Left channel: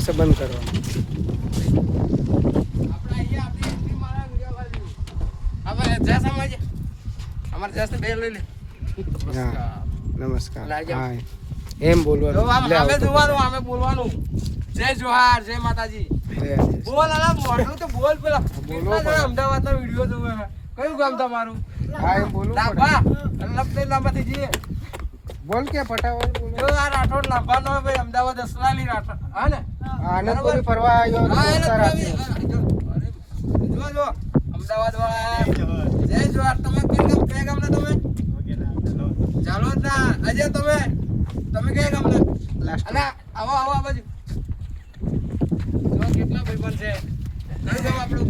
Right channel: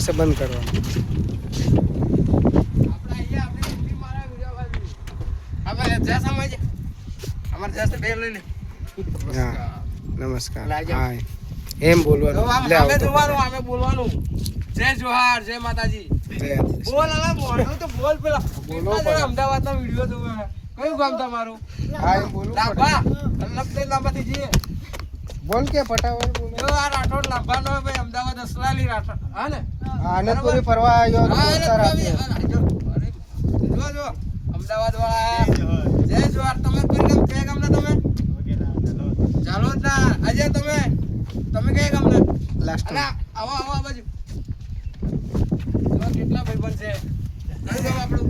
પછી બંધ કરવાનું. હા નમસ્કાર. હા એમ બોલવાનું. જય જોહાર, જય માતાજી. બોલ અલા મોઢું તો બોલ પેલા. કેટલા જણા અમદાવાદના વિડિયો જોવે છે. કયું ગામ તમારું? હા એમ બોલું. લાંબા. લાંબાથી જઈએ. બોલ કે ફટાફટ બોલ. જો આ રાઠોડ લાંબા નો ભાઈ અમદાવાદ અસલાલી રાઠોડ. હા ને? આનંદપુરી ફરવા આવ્યો. જો અમદાવાદ વાળા. જય જોહાર. તમે કયા ગામના તમે? ચાલો જ ના. આજે તમે કયા ગામના? અને આવો આ બાજુ. કેટલા ભાઈબંધ છે? કયું ગામ આપણું?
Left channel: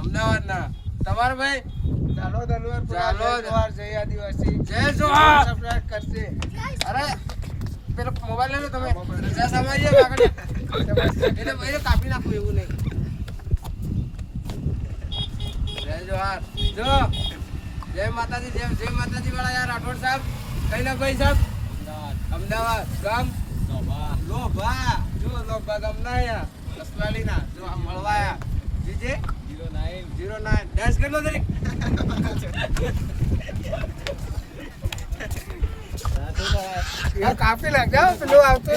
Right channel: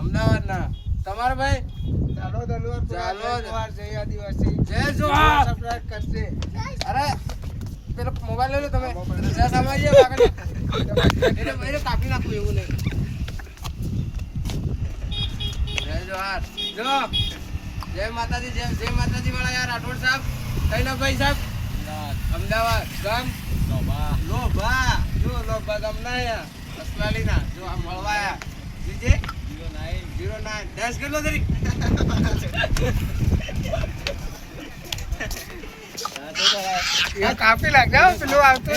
અમદાવાદ ના. તમારે ભાઈ? ચાલો ધનવાર. ચાલો જોહાર. જય આદિવાસી. જય જોહાર. સબસ્ક્રાઇબ કરશે. અરે પેલો મોબાઈલ લઈ લો તમે. રજા સમાજે આગળ. એટલે કાપી નાખો એવું નહીં. જય જોહાર. જો જય માતાજી. જય માતાજી વાળા યાર રાઠોડ સાહેબ. કઈ ના ભાઈ સાહેબ? અમદાવાદ. ગામ લોભા. જો લોભા ગામ ના યાર અસલાલી ના. જો આ મળવાયા જીજે 09 10 કેટલો જરી કાપી લાગે પેલું આવતું.